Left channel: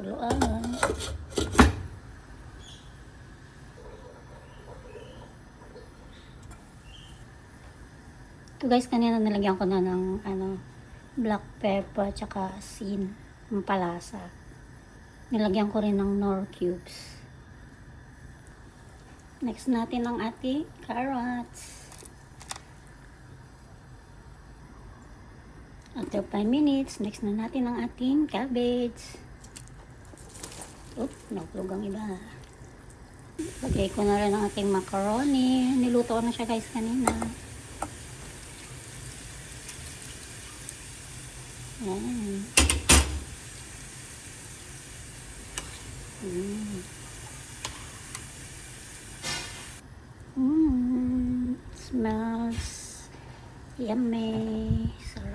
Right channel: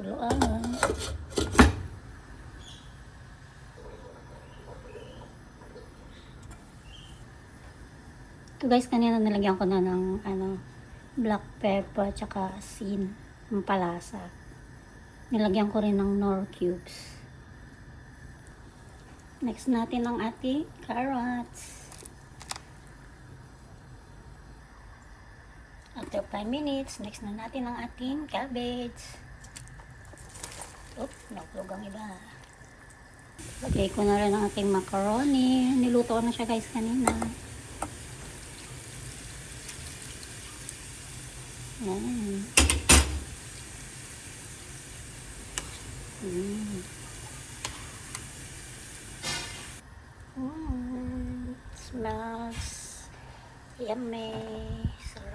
Kuluan. Ito guys, kanina nilagyan ko na ng ano, black pepper tsaka asin, ng palasa. Nilagyan ko rin ng nor cubes. Next natin ang ating carrots. After 5 minutes, next na natin ang ating cabbage. Oop, naglog ang iba. Lagay ko na rin ang ating macaroni. Niluto na siya guys kanina. Yan. Mm. Mm. Smells yummy. Sarap.